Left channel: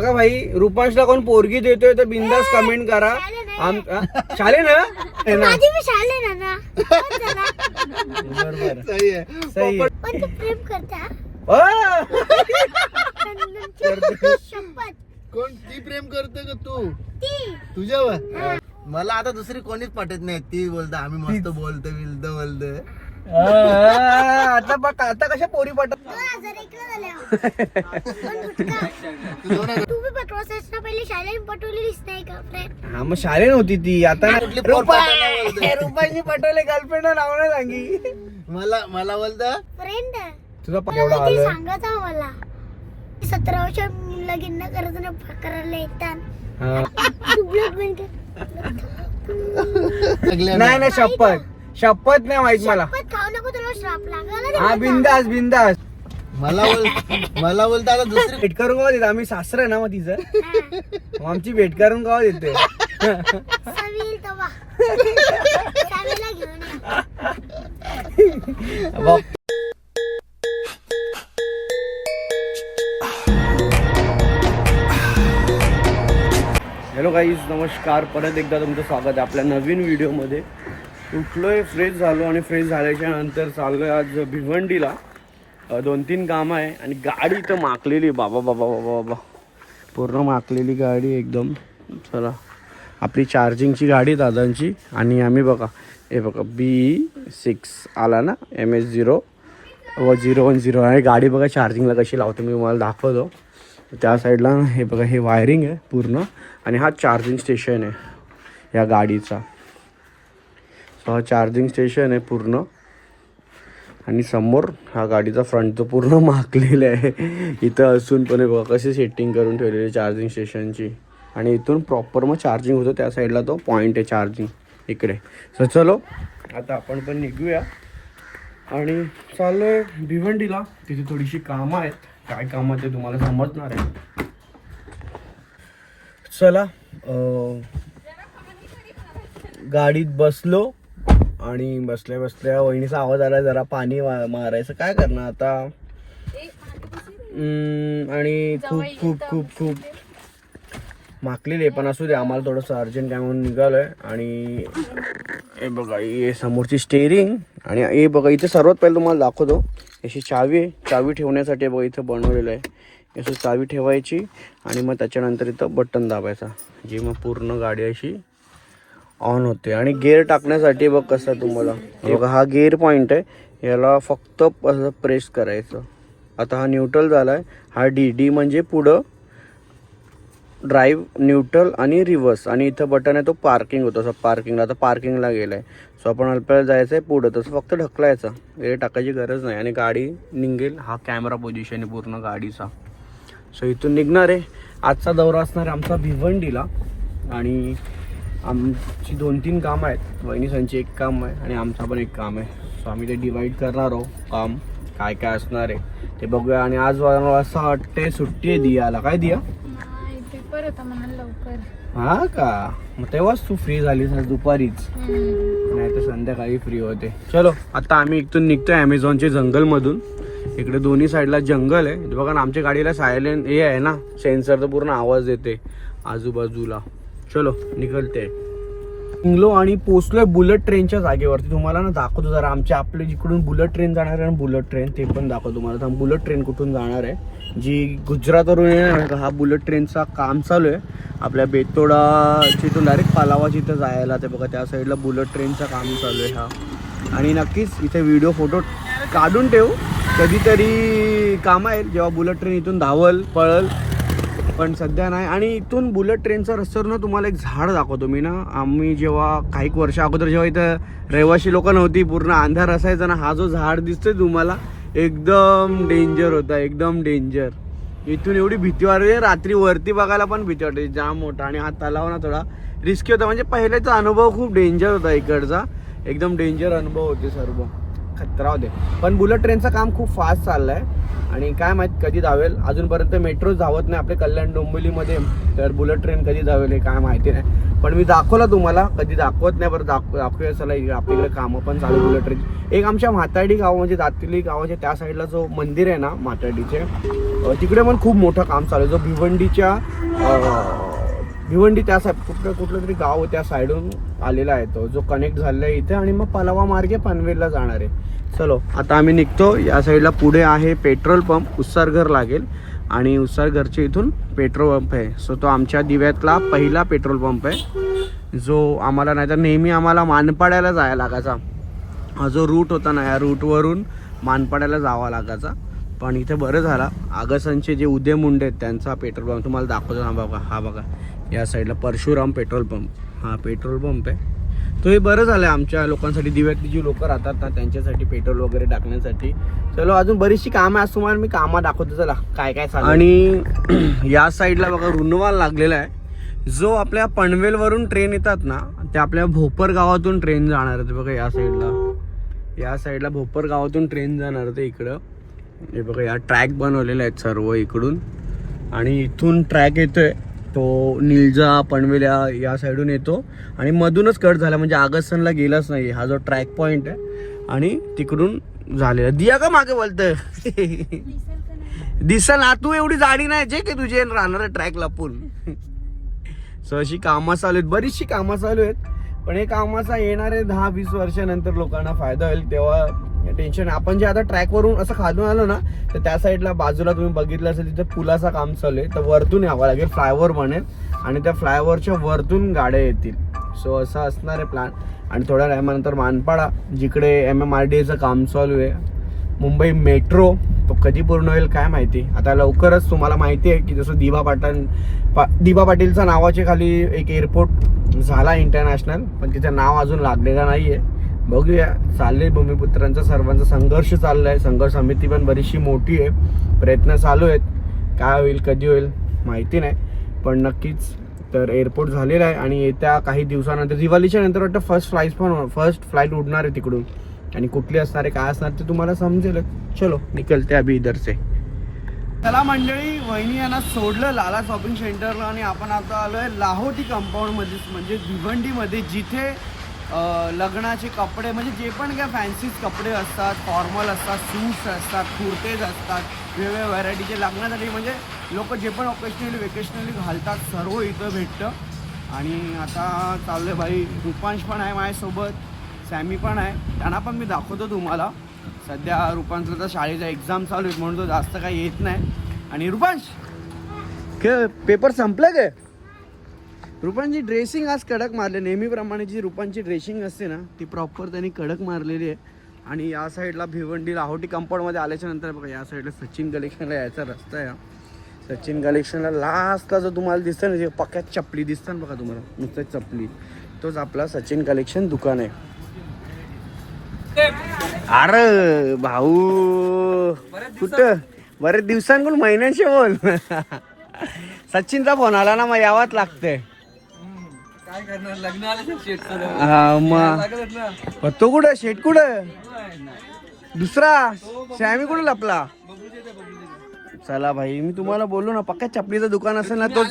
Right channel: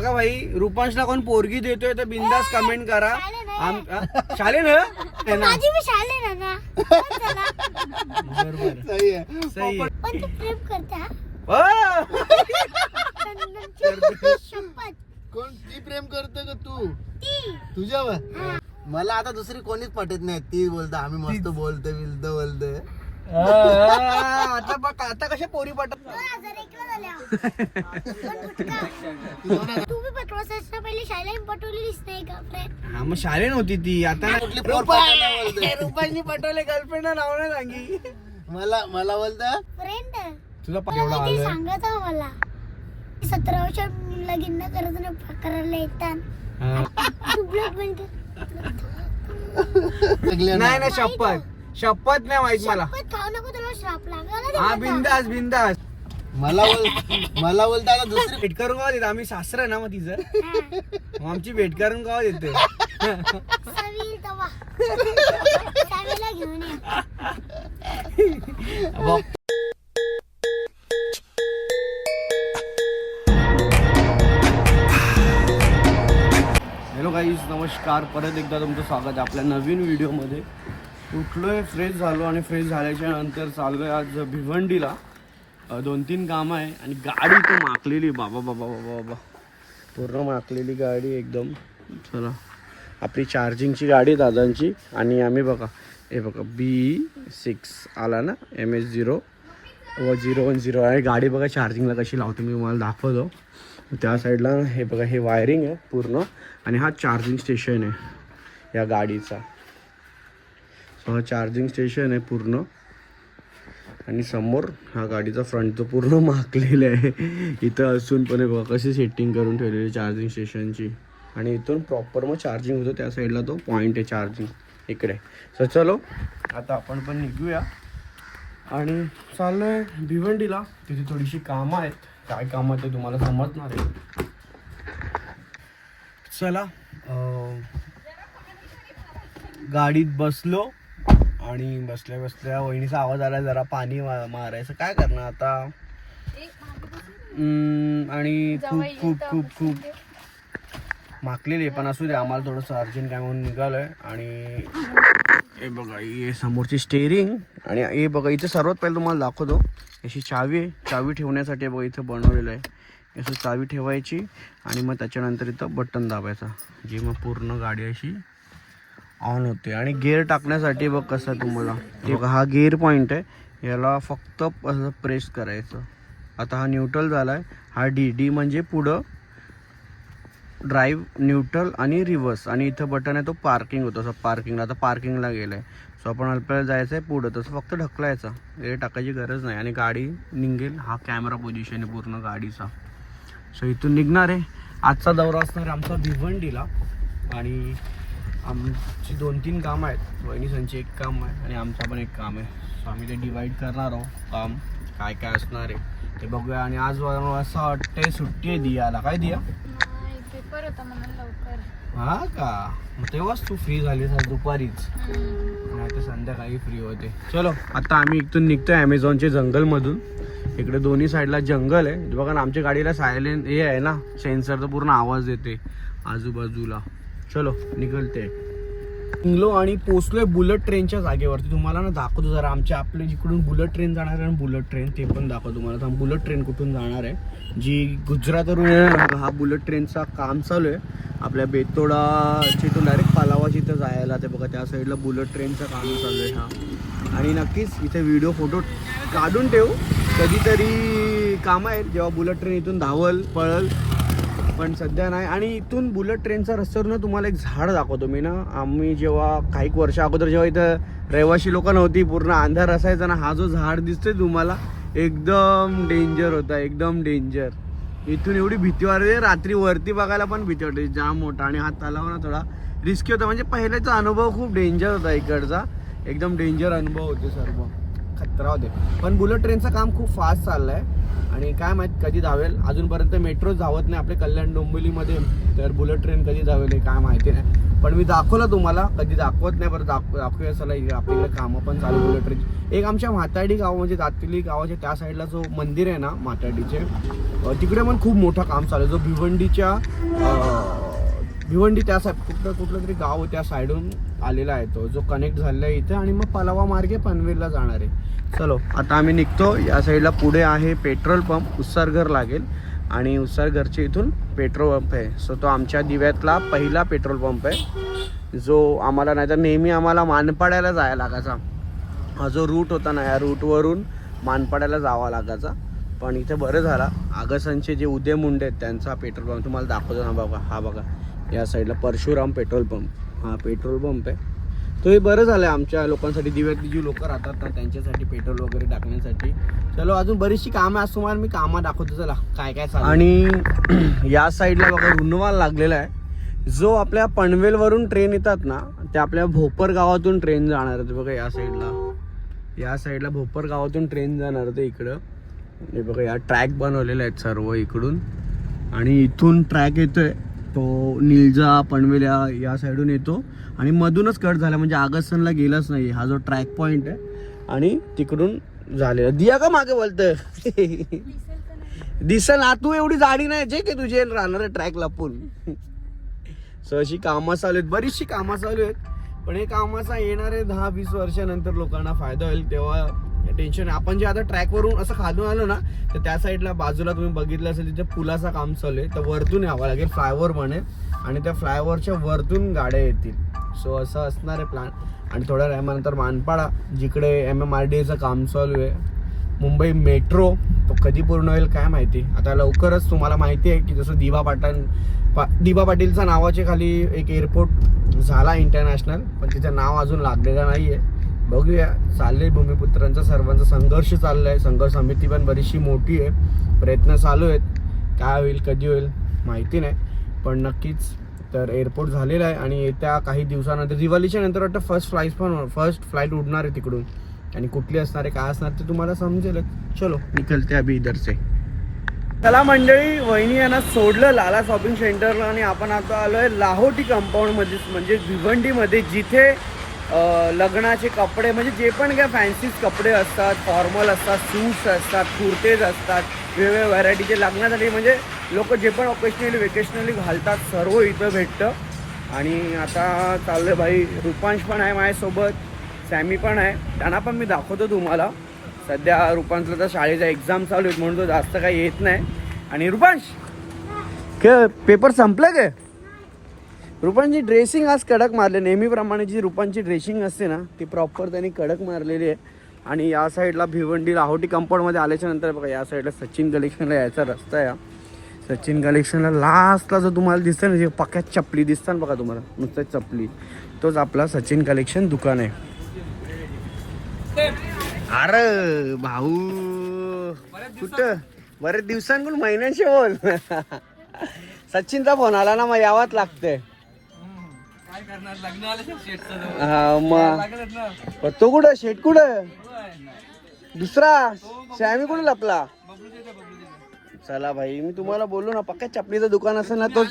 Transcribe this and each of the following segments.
बघा भाई रुपांशला कोण पोरगी देतोय तर बिंदास कमेंट करा. आम हा? शाले ना? है ना. माझी मी शाळे ना ना पण चला. बरोबर. सही आहे. सही आहे. पण तू प्रेम करते हा? आ! चंदनची शपथ. कोण? ती प्रेम करते का तू? ती. तुझ्यावर? मला आता दुसरी कोणीच पटत नाही. ती बोलते आम्ही मस्त बोलतो बिलतो बोलते. आता बघ आता कशा पोरी पटत दोन हजार एकला झाल्या. पण गुटखा. दोन हजार तू बी पहिले शाळेत पटवलेलीच नाही का फ्रेंड हा मग शाळे नव्हती ती. आता ना- कुठली पोर रुपा पटवले? गर्लफ्रेंड नाव नाही सांगी. मला मला बोलत? फ्रेंड तुझा प- आलोय. सांगत आहो मला. सतरा वर्ष लगीन न करत ना करायला येतात. हा. तू ब्लड बनते. नाही नाही शपथ. शपथ नाही माहीत मला. पण खाऊ नको तुला श्राप लागला हा बिंदास बिंदास. मला बोल मला बोलता आता दुसरी भेट करून का देत? आम्ही सासर आहे ना मग तिचं. मग आमची भेट करून का देते? घेऊन ये. हॅलो गाईज नमस्कार. परत एकदा तुमचं स्वागत आहे आपल्या नवीन व्हिडिओमध्ये. उठलोय फ्रेश झालो आणि फ्रेश झाल्याच्यानंतर चाललोय आज भिवंडीला. दोन तीन कामं आहे आणि गाडी तर माकलेली बाबा बाबा बाबा बाबा. पूर्ण माकलेली गाडी एकदम. चला. आपली चार्जिंगची गाडी दादांची. आणि आम्ही बघा हे बघा बी सिक्स आला ना एम एस झिरो व झिरो वन झिरो आणि गाडी बघा चार्जिंगला कशी लावतो मी तुम्हाला दाखवतो. त्या साईडला हे बघा हे वायरिंग आहे पूर्ण. आणि हा चार्जिंग स्टेशन आहे या गाडीचा. सो हा चार्जिंग स्टेशन आहे पूर्ण. आणि समोर हा गाडीचा फ्रंट तो पूर्ण माकलेला आहे. इथं असून पण बघा कशी सेटिंग करून ठेवलेली चार्जिंग स्टेशनची आणि इथून प्रॉपर मग चार्जिंग होतं त्या साईडला तो पॉईंट आहे चार्जिंग इकडे. तर चलो आता आपण पण निघूया. आणि चाललोय भिवंडीला. तिथे थोडीशी कामं आहेत. काय कामं ते तुम्हाला समजणार आहे. चला गाडीत बसलो. आणि बसल्या बसल्या वहिनीचा आवाज आला जरा पाणी वा- मारायचं. काय करणार आता? आणि खूप खूप खूप खूप माकलेली आहे पण असू दे आम्हाला थोडंसं अर्जंट काय म्हणून निघालोय. आणि हे बघा हे समोरची स्टेरिंग आणि हे बघा इथे सर्वात पहिले तुम्हाला दाखवतो. अशी चावी आहे. चावी ठेवण्यासाठी बघा इथं बनवलेलं आहे. असं चावी ठेवायची आणि मग त्याच्यानंतर इथं बटन दाबायचा. जी मग पूर्ण गाडी अशी ऑन होते. आणि गेअर टाकण्यासाठी बघ कसं तुम्हाला. हे बघा हा गेअर पॉईंट आहे. याला फक्त असं प्रेस करायचं. आता हा न्यूट्रल झाला आहे हा डी डी म्हणजे पुढं ड्राईव्ह न्यूट्रल आणि रिव्हर्स आणि इथं बटन आहे तो पार्किंग होतो. असं पार्किंगला आता पार्किंगला गेला आहे सो आपण आपल्याला जायचं आहे पुढं. तसं फक्त ढकलायचं. हे टाकायची गरज नाही. आणि गाडी निघेल. हा कॅमेरा पोझिशन आहे पूर्ण गाडीचा. सो इथून निघणार आहे. आजचा दौरा असणार आमचा भिवंडीला. आणि आमची दोन तीन कामं आहेत. वहिनीसांची एक काम आहे आणि आमचा पण एक काम आहे. सो आम्ही ते डिवाईड करणार आहोत काम. काय काय असणार आहे ते बघूया. आणि आज असं वाटते सुट्टी आहे दियाला. काय दिया? पेपर होता म्हणून लवकर. हा का? मग तेव्हाच तू फ्री झालीस आज दुपारीच. नाही तर संध्याकाळी फ्री होते. चलो आता आम्ही इथून निघतोय अमेझॉनच्या जंगलमधून. इकडे दोन्ही साईडला जंगल आहे. बघा आमच्या गाडीला सायलेंट हे आहे ना. सेन्सर तर पूर्ण आवाज येते आजूबाजूला. चलो निघलते. निघलो आणि पोचलोय बुलेट ट्रेनच्या जागेवरती. तुम्हाला ना दाखवतो जरा आमच्या आपले जिकडून बुलेट ट्रेन जाणार आहे ना बुलेट ट्रेन ते पण दाखवतो तुम्हाला. थांब बुलेट ट्रेन कुठून जाणार आहे? जी गुजरातवरून येणार हा बुलेट ट्रेनचा काम चालू आहे. आपल्या बेतोडा तो डायरेक्ट पालावा जिथं जायला ते बघा त्या साईडला बुलेट ट्रेनचं काम चालू आहे हा. आणि नक्कीच इथे व्हिडिओ फोटो काढून ठेव. कधीतरी काम आहे जेव्हा बुलेट ट्रेन इथून धावल पळल पण सध्या नाही. आणि इथून बुलेट ट्रेनचा रस्त्यावर ना तुम्हाला एक झाड दाखवतो मी ना. आम्ही जेव्हा काही वर्ष अगोदर जेव्हा इथं रहिवाशी लोक नव्हती पूर्ण अंधार असायचा ना हा जो झाड दिसतोय तुम्हाला एकदम डेंजर होता एकदम डेंजर इथून एवढी भीती वाटते रात्री वरती बघायला पण भीती वाटते जाम मोठा. आणि हा तलाव ना थोडा रिस्की होता. म्हणजे पहिल्याचा अनुभव खूप डेंजर होता इकडचा. एकदम डेंजर अनुभव होते सर्व. खतरा होते. पण बुलेट ट्रेनचं काम खूप फास्ट चाललं आहे आणि काय माहीत कधी धावेल. अजूनपर्यंत मेट्रो धावत नाही. आपले कल्याण डोंबिवलीमध्ये तर बुलेट ट्रेन कधी धावेल हे काय माहिती नाही. पण मी दाखवलं तुम्हाला. कधी दाखवत नाही बरं दाखव दाखवूया चला इकडे आपल्याकडे कामं पण चालू बुलेट ट्रेन एक आमच्या म्हाताडी गाव म्हणजे दातिली गावाच्या त्या साईडला जो मंदिर आहे ना म्हाताडीचे तिकडे पण खूप मोठं काम चालू आहे. जो भिवंडीच्या भिवंडी त्या साईड कुठलं कुठलं तरी गाव त्या साईडून आलेला आहे तो. जो कनेक्ट झालेला आहे इथे आणि मग पलावा मार्गे पनवेलला जाणार आहे. चलो आता आम्ही निघतो. या साईडला पुढे आहे पेट्रोल पंप उत्सारघर लागेल. आणि उत्सारघरच्या इथून पेट्रोल पंप आहे. सो तो आमच्या दिव्यातला पहिला पेट्रोल पंप आहे. जो आम्हाला नाहीतर नेहमी आम्हाला मानपाड्याला जायला लागायचा. हा जो रूट होता ना या रूटवरून मानपाड्याला जावा लागायचा. पण इथे बरं झाला. आगसनचे जे उदय मुंडे आहेत त्यांचा पेट्रोल पंप. तुम्हाला दाखवतो ना बघा हा बघा. या साईडला परशुराम पेट्रोल पंप. हा पेट्रोल पंप आहे. तो हे बरं झालं आमच्या लोकांसाठी दिव्यातली जी लोक राहतात ना त्यांच्यासाठी पेट्रोल वगैरे टाकण्यासाठी. चलो अजून बरीचशी कामं आहे आज तुम्हाला मी कामं दाखवतो चला काय काय चालू आणि या साईडला बघा रुनवाल लागलेला आहे. जो आपल्या पनवेलवरून ट्रेन येतात ना ते आपल्या भोपर गावातून ट्रेन जाणार आहे बघा या साईडला. या साईडला भोपर गावातून ट्रेन जाणार ते इकडं. हे बघा या ट्रॅक बनवलेले आहेत सर्व इकडून. आणि इथून ट्रॅक येतोय. तो निलजा पनवेल्या या साईडून येतो. आणि मधूनच कट झाला म्हणजे आगस्तनला गेलाच नाही. हा जो ट्रॅक पॉइंट आहे. आणि तिकडून झालेला. दिया का मागे बोलत दिसल आ तू एवढी जाडी नाही जे की तुझे राहणार ट्रॅकला पूर्ण. सो अशी कामं चालू आहेत. बरीचशी कामं चालू आहेत. पण हे कामाचा येणारे दहा वीस वर्षानंतर लोकांना फायदा होईल तेव्हा टेन्शन आपण जे आता ट्रॅकवरून असं खालून आलो ना तर त्या साईडला बाजूला तुम्ही बघितलं असेल तिथे पुलाचं काम चालू आहे. तर वरतून यावं लागेल फ्लायओव्हर बनेल आणि त्या फ्लायओव्हरच्या वरतून गाड्या येतील. सो असा असणार आहे प्लॅन आणि थोड्या टायमानंतर मानपाडा जिकडे एम एम आर डी एचं काम चालू आहे. मुंबई मेट्रो तो कधी पूर्ण होईल काय माहिती. आता लवकरच तुम्हाला माहिती आहे की जसं दिबा पाटण पा दिभा पाटीलच्या नावाच्या खाली एक एअरपोर्ट झाला इंटरनॅशनल पण तिचं नाव अजून लागलेलं नाही आहे बघूया. चालले भूमिपुत्रांचा सर्वांचा संघर्ष चालला आहे संघर्ष समिती पण बरीचशी मोठी आहे. प्रयत्न चालू आहेत. काय होईल कधी होईल माहिती नाही. पण नक्कीच तर एअरपोर्ट झालेला आहे आणि येत्या काही दिवसानंतर दिवाळीच्या नंतर वाटतं फर्स्ट फ्लाईट पण फर्स्ट फ्लाईट उडणार आहे तिकडून. आणि कुठली असणार आहे काय असणार ते तुम्हाला समजेल. चलो निकलते अभि इधर से चला मंडळी वहिनी यांना सोडलं लाला शॉपिंग सेंटरला आणि आपण आता आलोय लाहोटी कंपाऊंडमध्ये म्हणजे भिवंडीमध्ये जिथे लग्नाचे कपडे म्हणजे जे पण काय फॅन्सी कपडे असतात फॉर्मल असतात सूट्स असतात कुर्तेज असतात वेगवेगळ्या व्हरायटीचे लग्नासाठी म्हणजे लोक जे पण ओकेशनली वेकेशनली घालतात सर्व इथं भेटतं. आणि आता चाललं भाई रुपांश पण आहे माझ्यासोबत सॅमी पण आहे. त्यांना पण मी दाखवतो तुम्हाला. सध्या रुपांशला तर शाळेचा एक्झाम चालू आहेत म्हणून तो जास्त काही येत नाही. आणि रुपांश के पेपर संपले काय? रुपांची ड्रेसिंग आज कडक मारले. नेहमीप्रमाणे जी रुपांची ड्रेसिंग असते ना ती प्रॉपर त्यांनी कडक मारलेली आहे. आणि या साईडला भिवंडी लाहोटी कंपाऊंडमध्ये आल्याच्यानंतर बघा या साईडला सचिन कलेक्शनला यायचा रस्ता आहे. सचिन कलेक्शनला लास्टला जो तुम्हाला दिसतं ना पक्यात चपली दिसतात बघा तुम्हाला. नुसतं चपली. तोच आपला सचिन कलेक्शन दुकान आहे. अरे भाऊ कुठं? बरेच दिवसांकडून महिन्यांशी बोल. सचिनचा फोन आला ना मग यावाच लागते काय करणार? लग्न आलं हा, मग लागत ना. मग तो कुठं? शेट कुठं? दुसरा? सॅमी कुठं लपला? चला भाई मी तुम्हाला बोललो ना पक्का चपलीचं दुकान असेल ना तो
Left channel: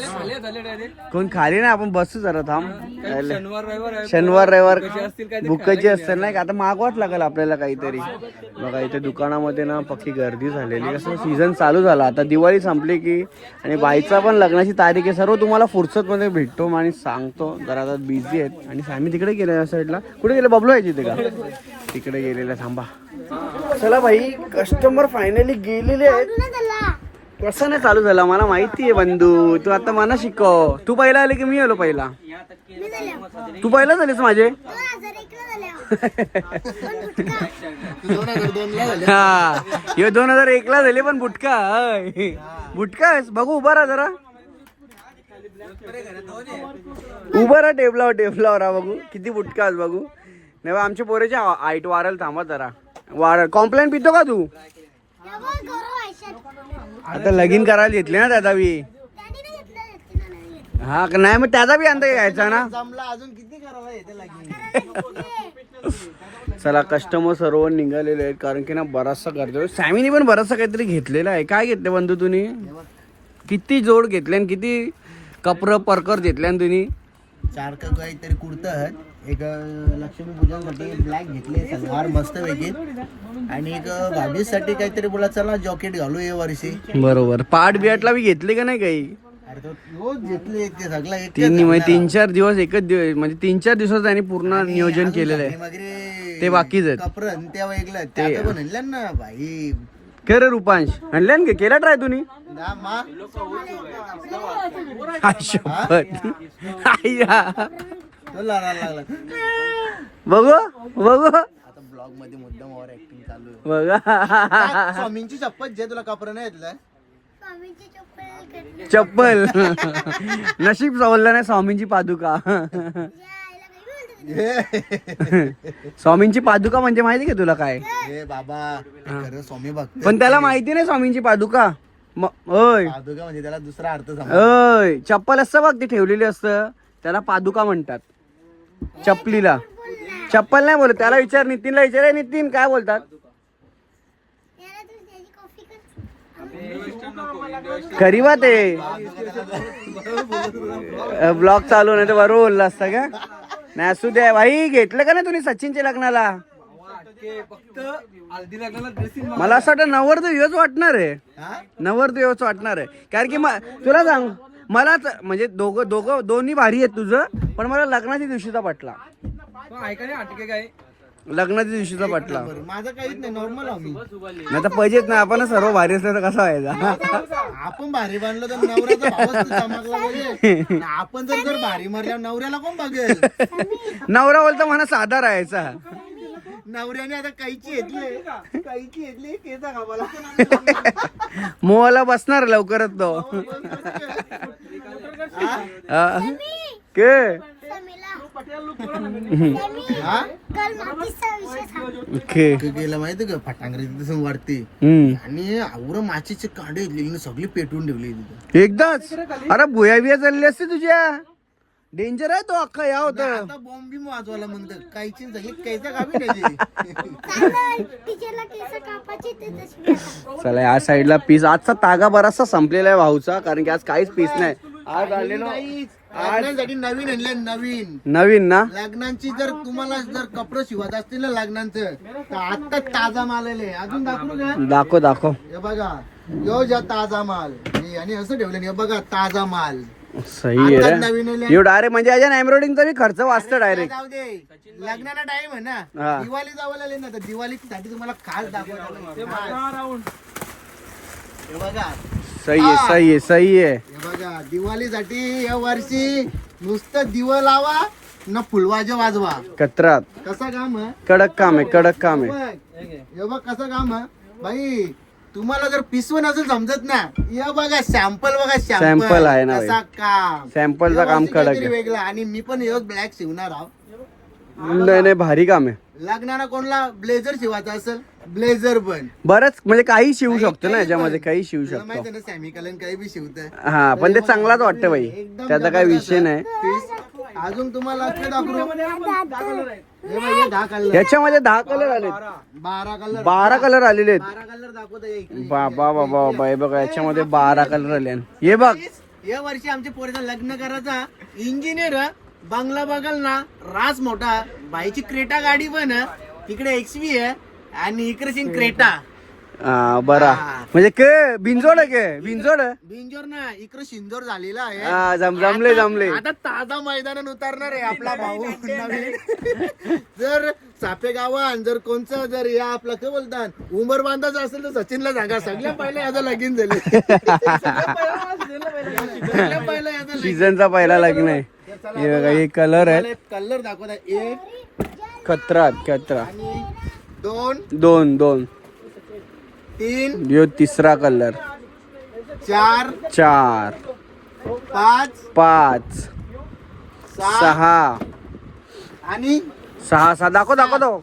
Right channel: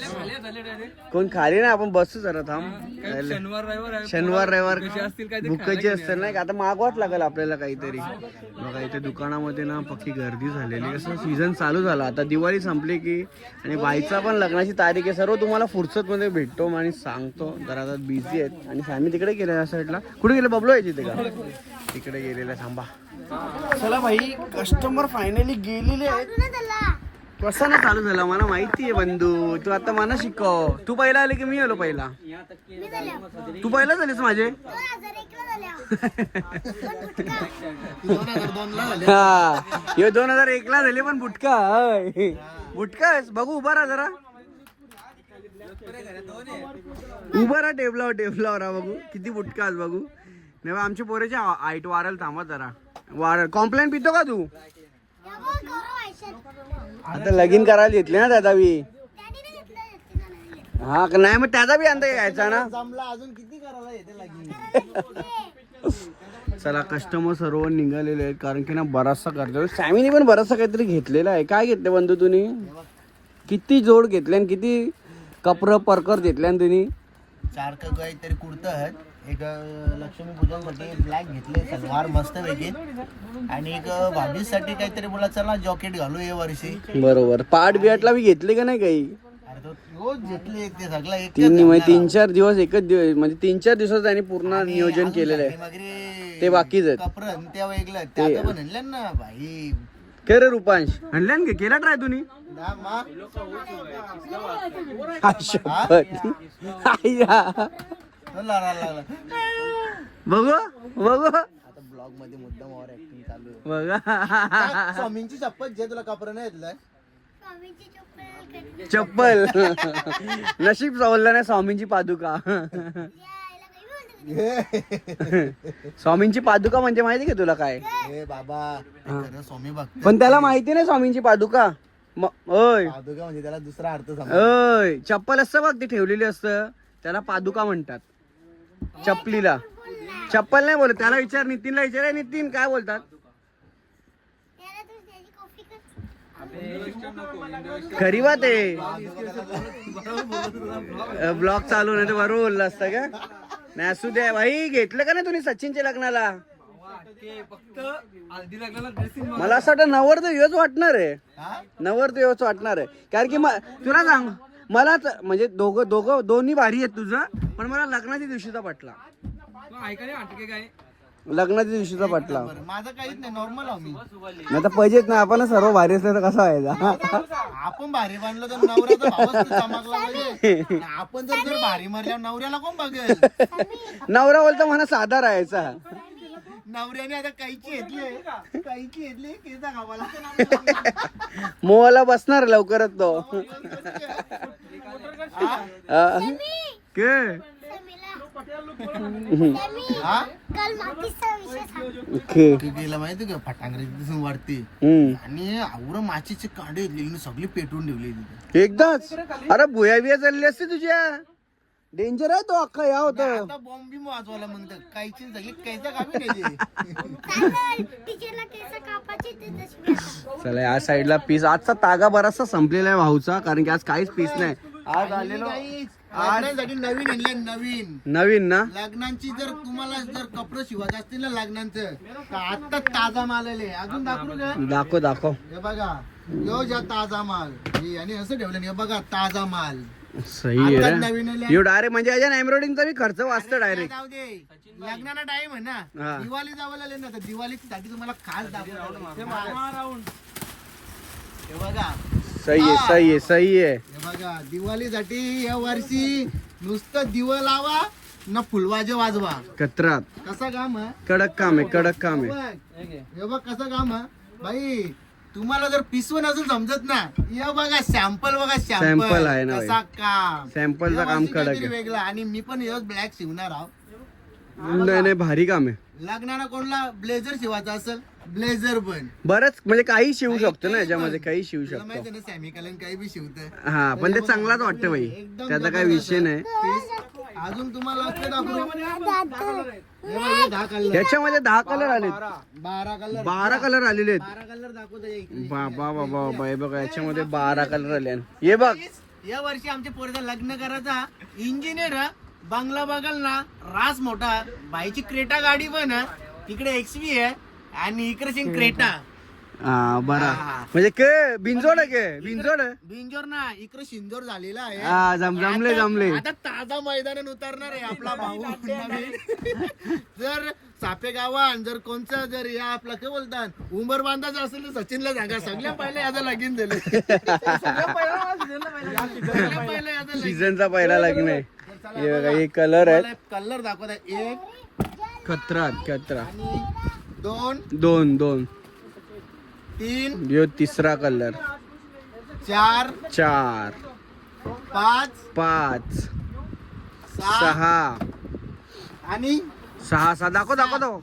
कोण खाली ना आपण बसतो जरा थांब. शनिवार रविवार शनिवार रविवार बुकाची असतील नाही का? आता मागवाच लागेल आपल्याला काहीतरी. बघा इथे दुकानामध्ये ना पक्की गर्दी झालेली कसं सीझन चालू झाला. आता दिवाळी संपली की आणि बाईचा पण लग्नाची तारीख आहे. सर्व तुम्हाला फुर्सत मध्ये भेटतो आणि सांगतो. जरा आता बिझी आहेत. आणि आम्ही तिकडे गेलो या साईडला कुठे गेले? बबलू आहे तिथे का? तिकडे गेलेला थांबा. चला भाई कस्टमर फायनली गेलेले आहेत. कसं ना चालू झालं मला माहिती आहे बंधू. तू आता मला शिकव. तू पहिला आले की मी आलो पहिला? तू पहिला झालेस माझे? दोन हजार हे. एक ला झाले पण बुटका. बुटका? बघू उभा राहा जरा. उभा राहा टेबलावर टेबलावर राहा बघू. किती बुटका आहेस बघू. नाही बा, आमच्या पोरेच्या आईट वारल थांबा जरा. वारल कॉम्प्लेन पितो का तू. आता लगीन करायला घेतले ना त्याचा बी. हा नाही मग त्याचा बी अंत घ्यायचा ना. चला कस्टमर सर्व निघालेले आहेत कारण की ना बराचसा गर्दी सॅमीने पण बराचसा काहीतरी घेतलेला आहे. काय घेतलं बंधू तुम्ही? किती जोड घेतले आणि किती कपर परकर घेतले आणि त्यांनी चार का काहीतरी कुर्ता आहेत एक लक्ष्मी पूजासाठी ब्लॅक घेतले सलवार मस्त पैकी. आणि एक भाभीसाठी काहीतरी बोला चला जॉकेट घालू या वर्षी. बरोबर. पाठ बियाटला मी घेतले का नाही काही? अरे तो रोज घेतले ते सगळं तीन म्हणजे तीन चार दिवस एकच दिवस म्हणजे तीन चार दिवसात त्यांनी पूर्ण नियोजन केलेलं आहे. ते बाकीच आहेत. कपरन त्या वेगळं त्याचं पण आणलं ना भाई. के रे रुपांश. आणल्यान का केला ट्राय तुम्ही? बघू बघू. ब्लॉगमध्ये मुद्दाम ओव्हर ऍक्टिंग चालू आहे. बघा. स्वामींची शपथ जे तुला कपडे नाही येतलं स्वामीची चप्पल नशीब सवरलं नाही स्वामींची पादुका. काही बोलतो स्वामींची पादुका म्हणजे माहिती का तुला काय? ए बाबा खरं स्वामी भक्त पण त्याला माहिती नाही स्वामींची पादुका. म- ओय. पादुका म्हणजे त्याला दुसरा अर्थ समज ओय. चप्पल असतं बघ ती ठेवलेली असतं. त्याला पादुका म्हणतात. चपलीला. चप्पल नाही बोलत त्याला विचार नितीनला विचार. "ए, नितीन काय बोलतात? खरी बात आहे. ब्लॉग चालू नाही तर बरोबर बोलला असता का? नाही असू द्या. भाई घेतलं का नाही तुम्ही सचिनच्या लग्नाला? मला असं वाटतं नवर तर हेच वाटणार आहे. हा? नवर तर हेच वाटणार आहे. कारण की तुला सांग मला त- म्हणजे दोघं दोघं दोन्ही भारी आहेत तुझं पण मला लग्नाच्या दिवशीचा पटला. ऐका नाही हटके काय? लग्नाच्या दिवशीचा पटला. बरं माझं काहीच नाही नॉर्मल नाही तर पैसेच नाही आपण सर्व भारी असलं तर कसा व्हायचा? आपण भारी बांधलो तर नवऱ्याचा भावच तर चमकला पाहिजे. आणि आपण जर जर भारी मारल्यावर नवऱ्याला कोण बघेल? नवरा बोलता मला साधा राहायचा. नवऱ्याने आता काहीची घेतली काहीची घेतली केसा खावाला मोहाला बसणार लवकरच तो. हा? के? हा? ओके ते गेलं माहिती का? फटांगरी तिथून वाढते हम्म. आणि आवर माचीचे कांडे घेतले सगळी पेटवून ठेवली तिथे. एकदाच? अरे भुया बिया चालली असते तुझ्या. डेंजर आहे तो अख्खा या होत. आता बॉम्ब बिम वाजवायला म्हणतं काहीची सगळी कैसा गावी नाही चांगलं टीचरला केस कापायचे ते तशी. आता. चला या साईडला पीस आजचा तागा बराचसा संपलेला आहे भाऊचा कारण की आज काहीच पीस नाही. आज आलेलो लग्नांसाठी नवीन आणले नवीन. नवीन ना? लग्नांची जर तुम्हाला जर कपडे शिवत असतील ना लग्नांचं तर आता ताजा माल आले अजून दाखवू का? दाखव दाखव. हे बघा यो ज्या ताजा माल. हे आणि असं ठेवलं हे बघा ताजा माल. सही आहे रे. एवढं डायरेक्ट म्हणजे याच्या एम्ब्रॉइडिंगचा मी खर्च वाचतो डायरेक्ट जाऊ दे. लग्नाला टाइम आहे हा. ना दिवाळी जावं आले ना तर दिवाळीसाठी तुम्हाला खास दाखवतो. हे बघा सही आहे सही आहे सही आहे. हे बघा दिवाळीसाठी या वर्षी नुसतं दिव लावा न फुलवाजा वाजवा. कत्रात कसा काम आहे? कडक काम आहे कडक काम आहे. बघ, हे बघ कसं काम आहे. भाई तुम्हाला जर पिसवून असेल समजत ना या बघा सॅम्पल बघा सॅम्पल आहे ना कसा काम. सॅम्पलचं काम कडक वेगळं. आणि मी पण हेच ब्लॅक शिवणार आहो. नाही नाही भारी काम आहे. लग्नाला कोणला? ब्लेझर शिवायचा असेल ब्लेझर पण. बरंच म्हणजे काही शिवू शकतो ना याच्यामध्ये. काही शिवू शकतो. माहिती ना सॅमी कलन काही बी शिवत हा पण ते चांगलाच वाटतं भाई त्याचा काही विषय नाही. अजून तुम्हाला दाखवू? याच्यामध्ये दहा कलर आले बारा. कलर बारा कलर आलेले आहेत. कलर दाखवत. बाबा बाबा बाबा हे बघा याच्यामध्ये बारा कलर आले हे बघ. या वर्षी आमच्या पोरीचा लग्न करायचा. इंजिनियर बंगला बघाल ना रास मोठा. बाईची क्रेटा गाडी पण. तिकडे एक्सवी आहे. आणि इकडे सिंग क्रेटा. हा बरा. हा. म्हणजे के बिंजोड आहे के? बिंजोड? बिंजोर ना इकडे शिंदोर झालेला आहे. हा जम जमले जमले. आता ताजा मैदानात उतरणार आहे आपला भाऊ. नवीन जर सापे गावान जर कोणचं जर या आपला काय बोलतात उमर बांधाचं असेल तर सचिनला सांगा. सगळ्या पहिला याचा लगीन झाले. सगळ्या पहिला याचा लगीन. सीझनचा पहिला लग्न आहे. हे बघा हे कलर आहे. कलर दाखवत एक कत्रा आणि दोन. दोन दोन. तीन यो तिसरा कलर. चार चार. पाच पाच. सहा. आणि सहा सहा दाखव दाखव दाखव.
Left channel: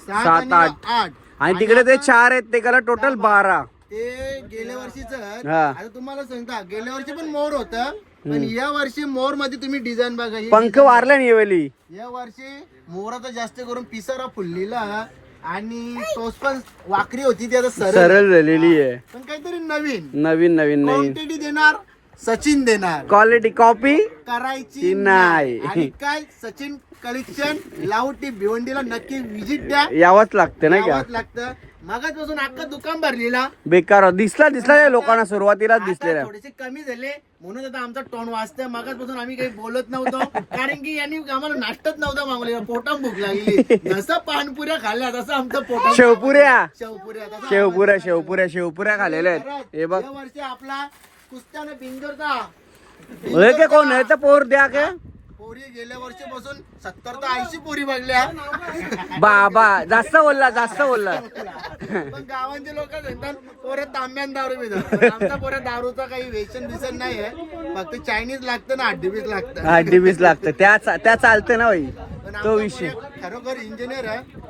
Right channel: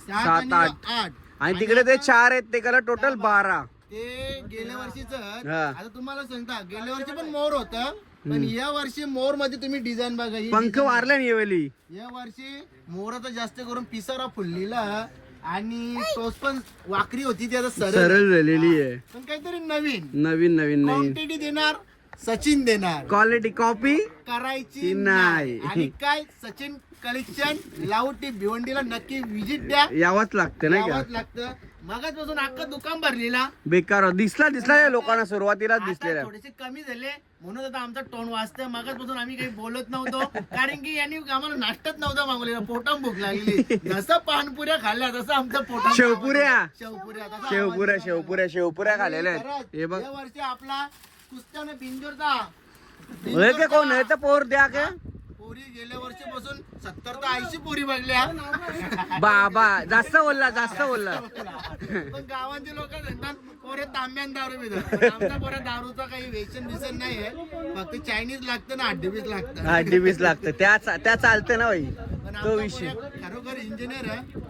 सात आठ. आठ. आणि तिकडे ते चार आहेत ते कलर टोटल बारा. ते गेल्या वर्षीच हा. आता तुम्हाला सांगता गेल्या वर्षी पण मोर होत पण या वर्षी मोरमध्ये तुम्ही डिझाईन बघा ही पंख वारले नाही वेळी या वर्षी मोराचा जास्त करून पिसारा फुललेला. आणि टोस पण वाकरी होती ती आता सरळ. सरळ झालेली आहे. पण काहीतरी नवीन. नवीन नवीन नवीन. क्वांटिटी देणार सचिन देणार. क्वालिटी कॉपी करायची नाही. आणि काय सचिन कलेक्शन लावटी भिवंडीला नक्की विजिट द्या. यावंच लागते नाही का? यावंच लागतं. मगाचपासून अख्खं दुकान भरलेला. बेकार. दिसला दिसला या लोकांना सुरुवातीलाच आता दिसलेला. थोडेसे कमी झाले. म्हणून आता आमचा टोन वाजतोय. मगाचपासून आम्ही काही बोलत नव्हतो. कारण की यांनी आम्हाला नाश्ताच नव्हता मागवलेला. पोटाम भूक लागली. जसं पानपुऱ्या खाल्ल्या तसं आमचं पोटा शेवपुऱ्या. शेवपुऱ्या. तसं शेवपुऱ्या शेवपुऱ्या शेवपुऱ्या खाल्लेल्या आहेत. हे बघ. या वर्षी आपला कुस्त्याने बिंजोरचा हे कोण? आहे तर पोर द्या का? पोरी गेल्या वर्षीपासून सत्तर तर ऐंशी पोरी बघल्या. बाबा जास्त बोलला जास्त बोलला. पण गावांचे लोक म्हणतात पोऱ्या तांब्यान दारू पितात. पण आमच्या पोऱ्या दारूचा काही व्यसन बिसन नाहीये फक्त चायनीज लागतं ना हड्डी बीस लागतं. आठ वीस लागतं. त्या त्या चालते ना भाई पण तो आमचा विषय. पोऱ्या खरोखर इंजिनियर आहे.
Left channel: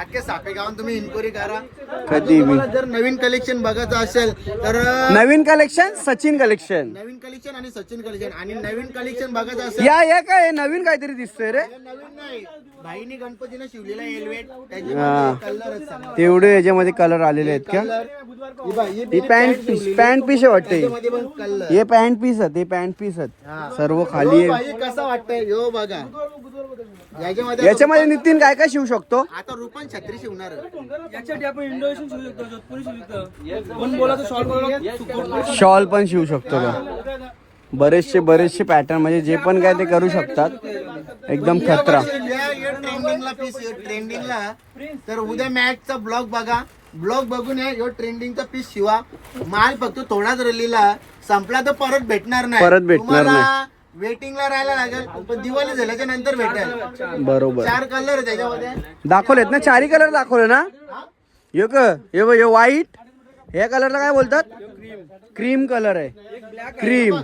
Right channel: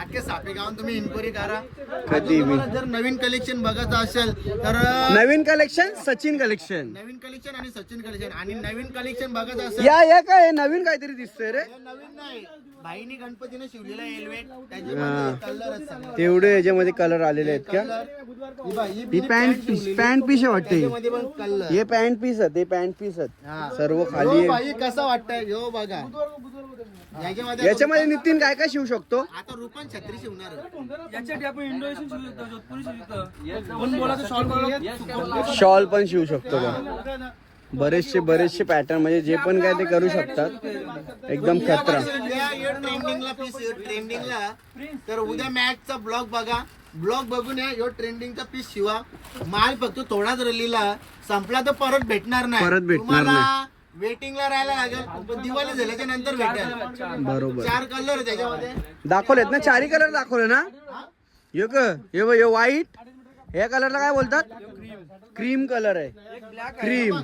अख्खे सापे गावात तुम्ही इन्क्वायरी करा. कधी तुम्हाला जर नवीन कलेक्शन बघायचं असेल तर नवीन कलेक्शन सचिन कलेक्शन नवीन कलेक्शन आणि सचिन कलेक्शन आणि नवीन कलेक्शन बघायचं असेल या या काय नवीन काहीतरी दिसतंय रे. हे नवीन नाही. भाईनी गणपतीने शिवलेला हा. तेवढे याच्यामध्ये कलर आलेले आहेत का? कलर ही बघ, ही ही बिनी pant pant piece. Pant piece आहे वाटते त्याच्यामध्ये पण कलर हे पॅन्ट पीस आहेत हे पॅन्ट पीस आहेत. सर्व खाली यो आहे. बाई कसा वाटतंय? यो बघा. याच्यामध्ये याच्यामध्ये नितीन काय काय शिवू शकतो? आता रुपन छत्री शिवणार याच्यासाठी आपण इंडोनेशियन शिवू शकतो जोधपुरी शिवू शकतो. कोण बोलायचं शॉर्ट बोलायला शॉल पण शिवू शकतो का बरेचसे बरेचसे पॅटर्न म्हणजे जे पण काय ते करू शकतात. एकदम खतरा. ट्रेंडिंगला पीस ट्रेंडिंगला तर उद्या मॅचचा ब्लॉग बघा. ब्लॉग बघून या यो ट्रेंडिंगचा पीस शिवा. माल फक्त थोडाच रलीला. संपला तर परत भेटणार नाही. परत भेटणार वेटिंगला राहायला लागेल पण दिवाळी झाल्याच्यानंतर भेटेल. बरोबर. चार कलर आहे त्याच्यामध्ये. दाखवलेत ना चारही कलर दाखवले ना? यो क हे बघ व्हाईट या कलरला काय बोलतात? क्रीम कलर आहे. क्रीम.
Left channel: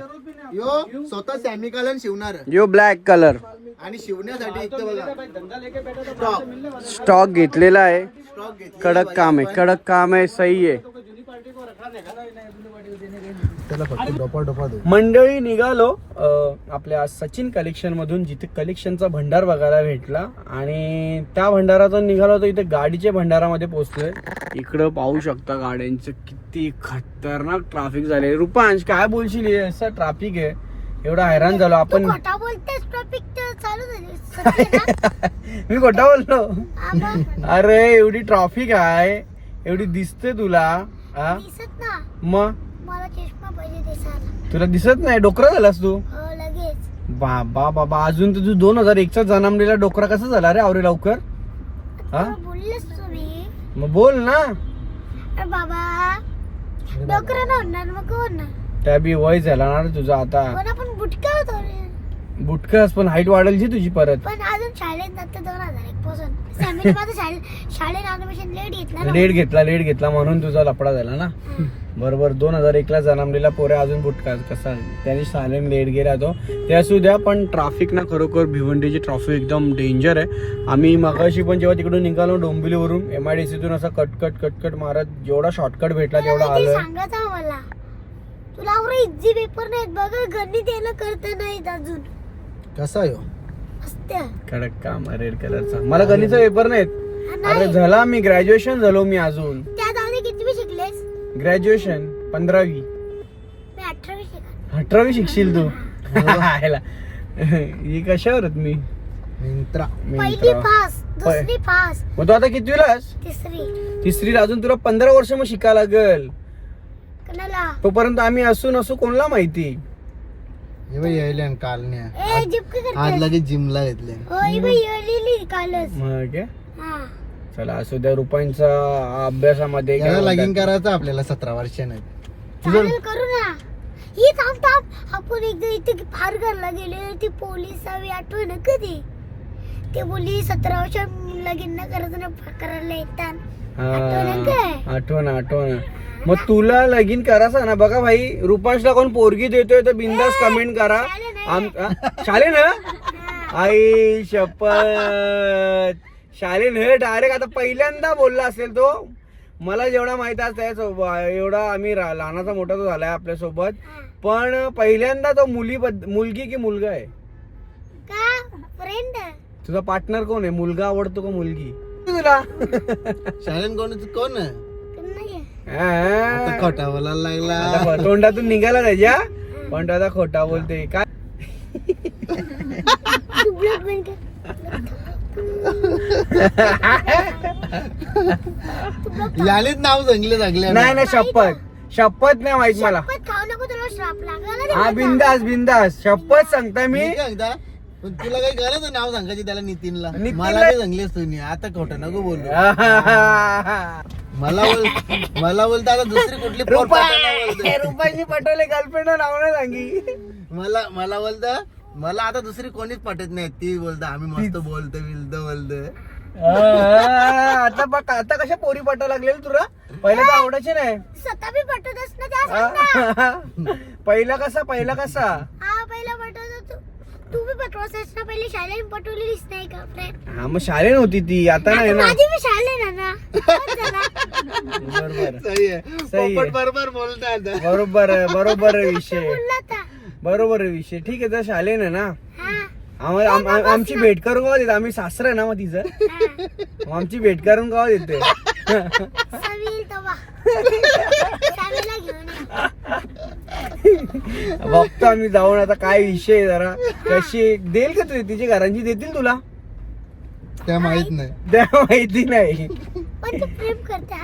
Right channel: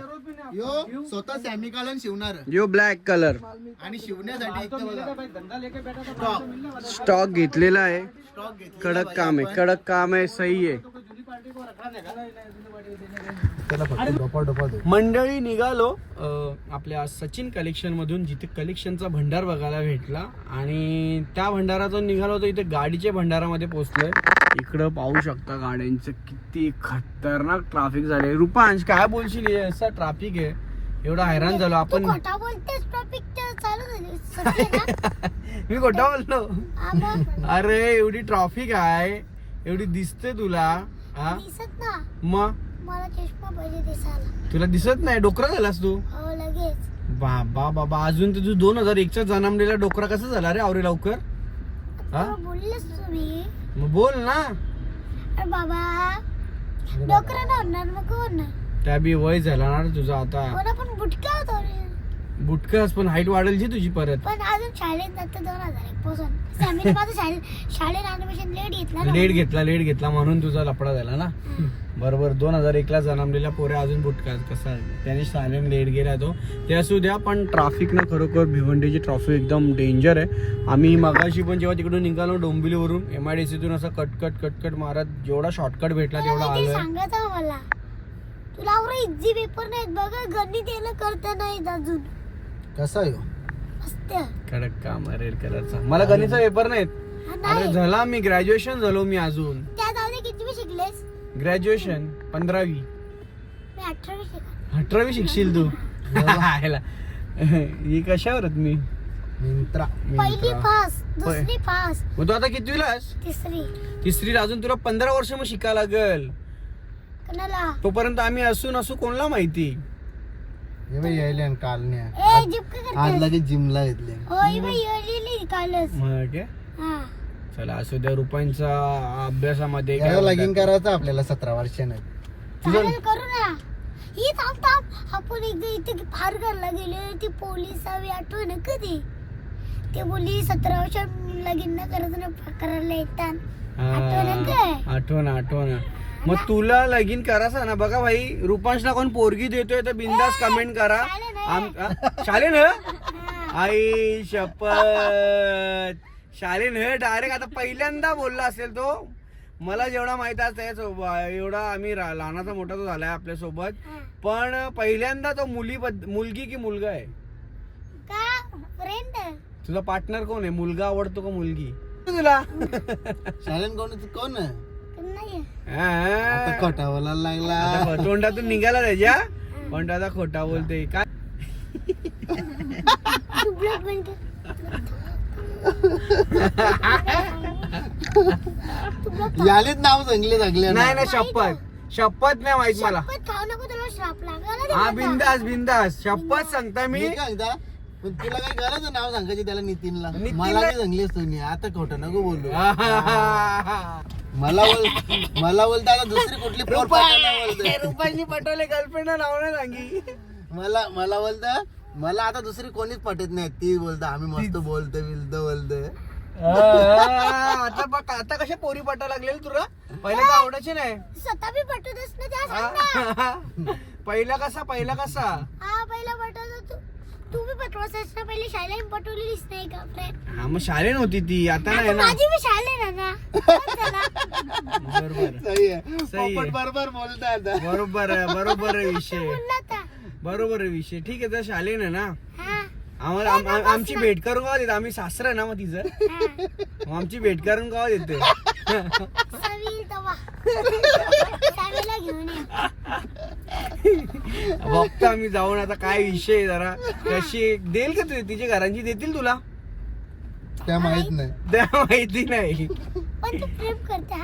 यो स्वतः सॅमिकलन शिवणार. यो ब्लॅक कलर. आणि शिवण्यासाठी इथं बघा. स्टॉक स्टॉक घेतलेला आहे. कडक काम आहे कडक काम आहे सही आहे. मंडळी निघालो. आपल्या सचिन कलेक्शन मधून जिथे कलेक्शनचा भंडार बघायला भेटला. आणि त्या भंडारातून निघालो तर इथे गाडीच्या भंडारामध्ये पोहोचलोय. इकडं पाहू शकता गाड्यांचं किती खतरनाक ट्राफिक झाले रुपांश काय बोलशील? हे असं ट्राफिक आहे. एवढा हैराण झालो. आपण? मी खोटा बोललो. अरे एवढी ट्रॉफिक आहे. एवढी दिसते तुला. हा मग तुला दिसत नाही? डोकरा झालास तू? हो बाबा बाबा. अजून तर तू दोन हजार एकचा जन्मलेला डोकरा कसा झाला रे आवरे लवकर? हा? मग बोल ना. अरे बाबा डोकरं नाही होणार मग होणार त्या बी वय झाला ना रे तुझा आता. पण बुटका होतो रे. बुटकस पण हाईट वाढेल जी तुझी परत. पण अजून शाळेत जातं दोन हजार एक. पासून फॅमिली माझं शाळे शाळेत ऍडमिशन लेट घेतलं लेट घेतला लेट घेतला म्हणून तुझा लपडा झाला ना? बरोबर दोन हजार एकला जन्मलेला पोऱ्या अजून बुटका कसा? त्याने सालेन लेट गेला तो. ते असू द्या पण ट्रॅफिक ना खरोखर भिवंडीची ट्रॅफिक एकदम डेंजर आहे. आम्ही मगाशी पण जेव्हा तिकडून निघालो डोंबिवलीवरून एम आय डी सीतून असं कटकट कटकट मारत जेवढा शॉर्टकट भेटला तेवढा आलोय. सांगत आहे मला. तुला इझी पेपर नाहीत बघा गणित यायला करता नाहीत अजून. कसा यो असत्या कडक काम रेड कलरचा. मला गणितचा पेपर नाहीत. अरे झाला मी ग्रॅज्युएशन झालो मी अजून. किती शिकलेस? ग्रॅज्युएशन पंधरावी. अठरावी शिकशील तू. ही. कशावर मी? मिंत्रा मग तू आता कितवीलास तिसरी. अजून तुला पंधरा वर्ष मग शिकायला लागल. तोपर्यंत आम्ही असू नसू कोणला माहिती? यायले काल ए जिपक आज लगेच जिमला घेतले. हो ही बाई कालच? हा. चला असू द्या रुपांचा अभ्यासामध्ये लगीन? करायचं आपल्याला सतरा वर्षाने. करू ना. ही थांब आपण एकदा इथे फार घरला गेले ती पोलीस हवी आठवण कधी? ते बोली सतरा वर्ष लगीन न करायचं ना करायला? हा, आठवण आठवण. मग तुला लगीन करायचं ना बघा भाई रुपांशला कोण पोरगी देतोय तर बिंदास कमेंट करा. आम-? शालीन हा? आई शपथ. शालीन हे डायरेक्ट आता पहिल्यांदा बोलला असेल तो. मला जेवढा माहीत आहे त्यासोबत एवढा आम्ही लहानाचा मोठा तो झालाय आपल्यासोबत पण पहिल्यांदा तो मुली मुलगी की मुलगा आहे? का? फ्रेंड तुझा पार्टनर कोण आहे? मुलगा आवडतो का मुलगी? तुला. शाळेन कोण कोण नाही खोटा बोलायला लागला. आता तोंडातून निघाला त्याच्या पण दादा खोटा बोलते काय? तू ब्लॉग बंद कर यालेच नाव जंगले जंगले नाही नाही शपथ. शपथ नाही माहीत मला. पण खाऊ नको तुला श्राप लागला रे हा. बिंदास बिंदास. शपथ सांगता मी. मी काय म्हणता? पण तुला काही गरज आहे नाव सांगायची त्याला नितीनला? नितीनला- मला जंगलेस तुम्ही आता खोटं नको बोलू. मला बोल मला बोलता आता दुसरी कुठली पोर पाठवणार बोलते. रुपाली पटवले गर्लफ्रेंड नाव नाही सांगी मला मला बोलता मला आता दुसरी कोणीच पटत नाही. ती बोलता आम्ही मस्त बोलतो बिलतो बोलतो आता बघ आता कशा पोरी पटायला लागलेली तुला? पहिलं तर आवडायचे नाही. स्वतः बी त्या. पहिला कसा पहिला कसा? हा पहिला पटवतो तू. तू बी पहिले शाळेत नाही का फ्रेंड हा मग शाळे नव्हती ती आता नाही ना। माझी मी शाळे. बरोबर। सही आहे सही आहे. पोपट बरोबर बोलता आता बरोबर आहे बरोबर आहे विषय। बोलला बरोबर आहे विषय। ठीक आहे तर शालेन आहे ना। हा। आम्हाला आम- आम- आमची भेट करून गावा देते आम्ही सासर आहे ना मग तिचं हा। मग आमची भेट करून गावा देते सवी येईल तेव्हा सवीला घेऊन ये बघतो आम्ही जाऊन आता काय विषय आहे जरा. कशी देईल का तू? तिची घरांची देतील तुला? त्या माहीत नाही. त्या माहिती नाही. पण तू प्रेम करते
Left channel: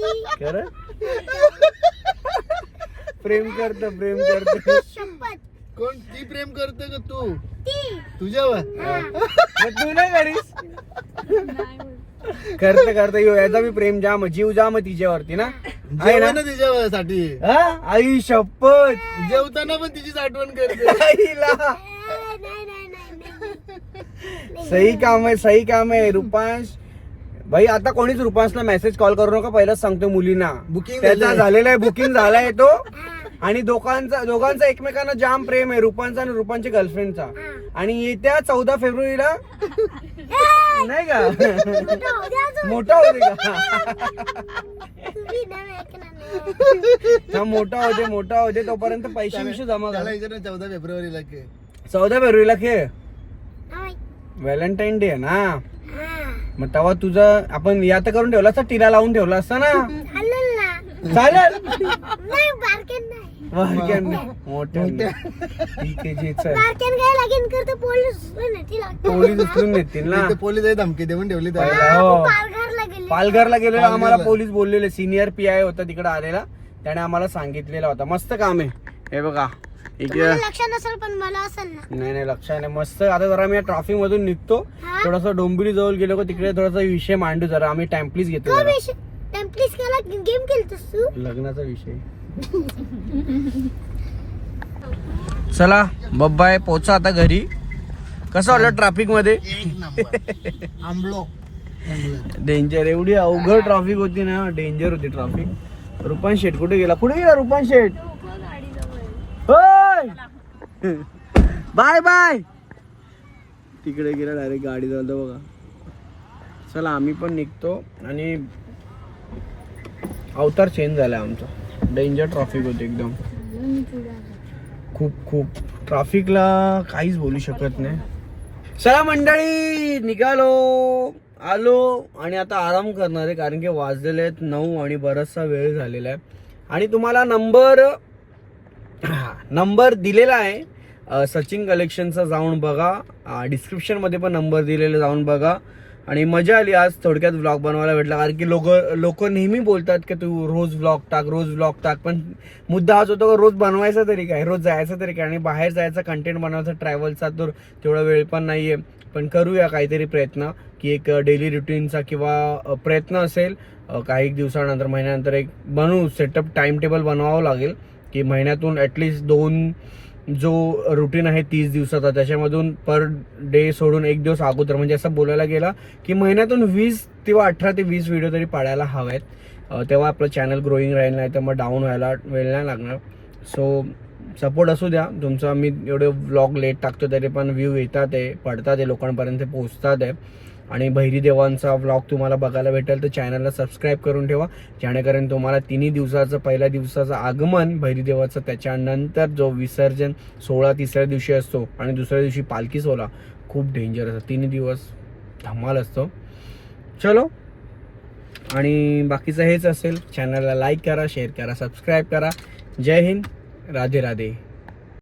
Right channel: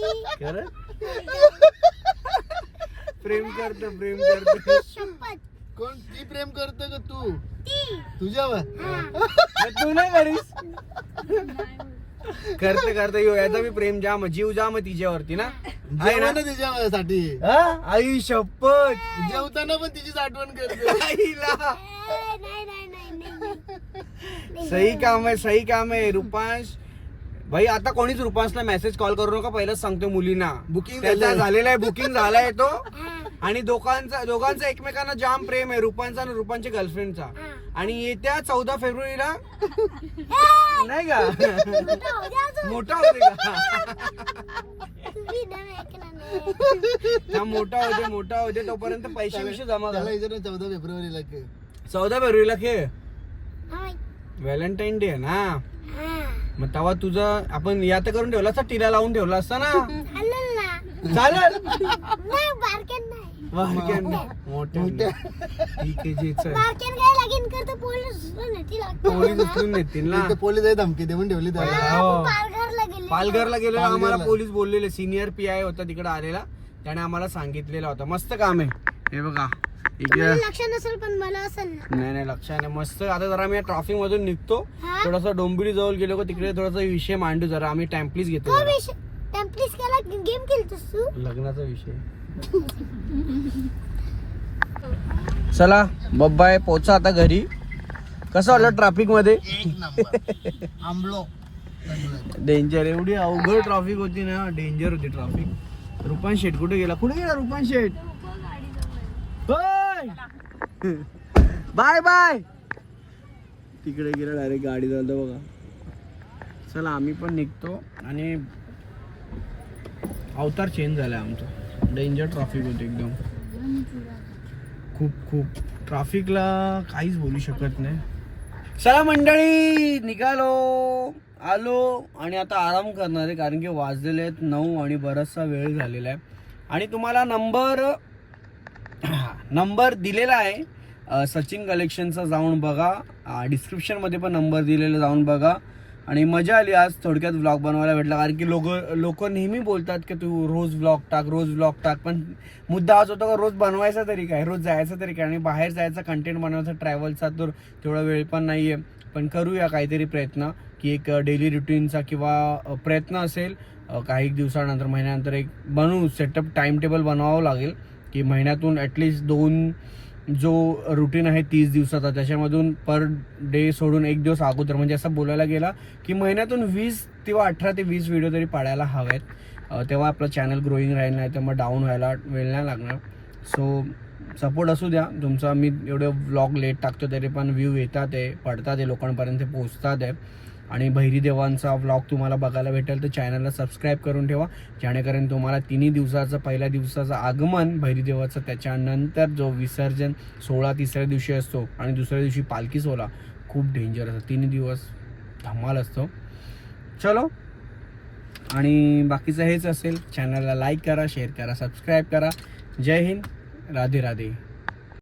बोलता खरं? प्रेम करत प्रेम करत. शपथ. कोण? ती प्रेम करतो का तू? ती. तुझ्यावर? तू नाही करीस? करत करत. यो याचा मी प्रेम जाम जीव जाम तिच्यावरती ना. आहे ना? जेवण तिच्यावर साठी हा? आई शपथ. जेवताना पण तिचीच आठवण करते. आईला. ए, नाही नाही नाही नाही सही काम आहे सही काम आहे रुपांश. भाई आता कोणीच रुपांशला मेसेज कॉल करू नका. पहिलाच सांगतो मुलींना. Booking त्याचा झालंय. झालेला आहे बुकिंग झालाय तो. आणि दोघांचा दोघांचा एकमेकांना जाम प्रेम आहे रुपांचा आणि रुपांच्या गर्लफ्रेंडचा हा. आणि येत्या चौदा फेब्रुवारीला नाही. का? मोठं होते का. हा, मोठा होते मोठा होते तोपर्यंत पैसे विषय जमा विचार चौदा फेब्रुवारीला के चौदा फेब्रुवारीला खेळ? हा. व्हॅलेंटाईन डे ना? हा. मग तेव्हा तुझं आपण या तर करून ठेवला असता टिला लावून ठेवला असता ना? चालेल वारक्यान मोठ्या आहे. बारक्यान काय करतो पोलीस पोलीस उचलून देतील ना. इथे पोलीस आहे धमकी देऊन ठेवली त्याला. हो. पालघरला गेले पालघरला गेलेलो आम्हाला पोलीस बोललेले. सिनियर पी आय होता तिकडे आलेला. त्याने आम्हाला सांगितलेला होता. मस्त काम आहे. हे बघा. इकडे लक्ष नसेल पण मला असेल ना. नाही नाही लक्षात नाही. मस्त. आता जरा मी ट्रॉफिक मधून निघतो. हा? थोडस डोंबिवली जवळ गेलो का तिकडे थोडासा विषय मांडू जरा. आम्ही टाइम प्लीज घेतो जरा. केला? गेम खेळतोस तू? लग्नाचा विषय. चला बब्बाय पोचा आता घरी. कसं वाटलं ट्रॅफिकमध्ये डेंजर एवढी अवघड ट्रॅफिक होती ना. डेंजर होती ट्रॅफिक रुपान शेट कुठे गेला? कुठे गेला रुपान शेट बाय बाय! तिकडे गेला डायरेक्ट गाडी चालतो बघा. चला आम्ही पण निघतो आणि अवतार चेंज झालाय आमचा. डेंजर ट्रॅफिक होते एकदम. खूप खूप. ट्रॅफिकला काहीच बोलू शकत नाही. चला मंडळी निघालो. आलो आणि आता आराम करणार आहे कारण की वाजलेले आहेत नऊ आणि बराचसा वेळ झालेला आहे. आणि तुम्हाला नंबर नंबर दिलेला आहे. सचिन कलेक्शनचा जाऊन बघा. डिस्क्रिप्शनमध्ये पण नंबर दिलेला जाऊन बघा. आणि मजा आली आज थोडक्यात व्लॉग बनवायला भेटला. कारण की लोक लोक नेहमी बोलतात की तू रोज व्लॉग टाक रोज व्लॉग टाक. पण मुद्दा हाच होतो रोज बनवायचा तरी काय? रोज जायचं तरी काय? आणि बाहेर जायचा कंटेंट बनवायचा ट्रॅव्हलचा तर तेवढा वेळ पण नाहीये. पण करूया काहीतरी प्रयत्न की एक डेली रुटीनचा किंवा प्रयत्न असेल काही दिवसानंतर महिन्यानंतर एक बनवू सेटअप टाइम टेबल बनवावं लागेल की महिन्यातून ॲटलिस्ट दोन जो रुटीन आहे तीस दिवसाचा त्याच्यामधून पर डे सोडून एक दिवस अगोदर म्हणजे असं बोलायला गेला की महिन्यातून वीस किंवा अठरा ते वीस व्हिडिओ तरी पाडायला हवेत. तेव्हा आपलं चॅनल ग्रोईंग राहील नाही तर मग डाऊन व्हायला वेळ नाही लागणार. सो सपोर्ट असू द्या. तुमचा मी एवढे व्लॉग लेट टाकतो तरी पण व्ह्यू येतात आहे पडतात आहे लोकांपर्यंत पोहोचतात आहे. आणि भैरी देवांचा व्लॉग तुम्हाला बघायला भेटेल तर चॅनलला सबस्क्राईब करून ठेवा. जेणेकरून तुम्हाला तिन्ही दिवसाचं पहिल्या दिवसाचं आगमन बहिरीदेवाचं त्याच्यानंतर जो विसर्जन सोळा तिसऱ्या दिवशी असतो आणि दुसऱ्या दिवशी पालखी सोहळा खूप डेंजर असतो. तिन्ही दिवस धमाल असतो. चलो. आणि बाकीचं हेच असेल. चॅनलला लाईक करा शेअर करा सबस्क्राईब करा. जय हिंद. राधे राधे.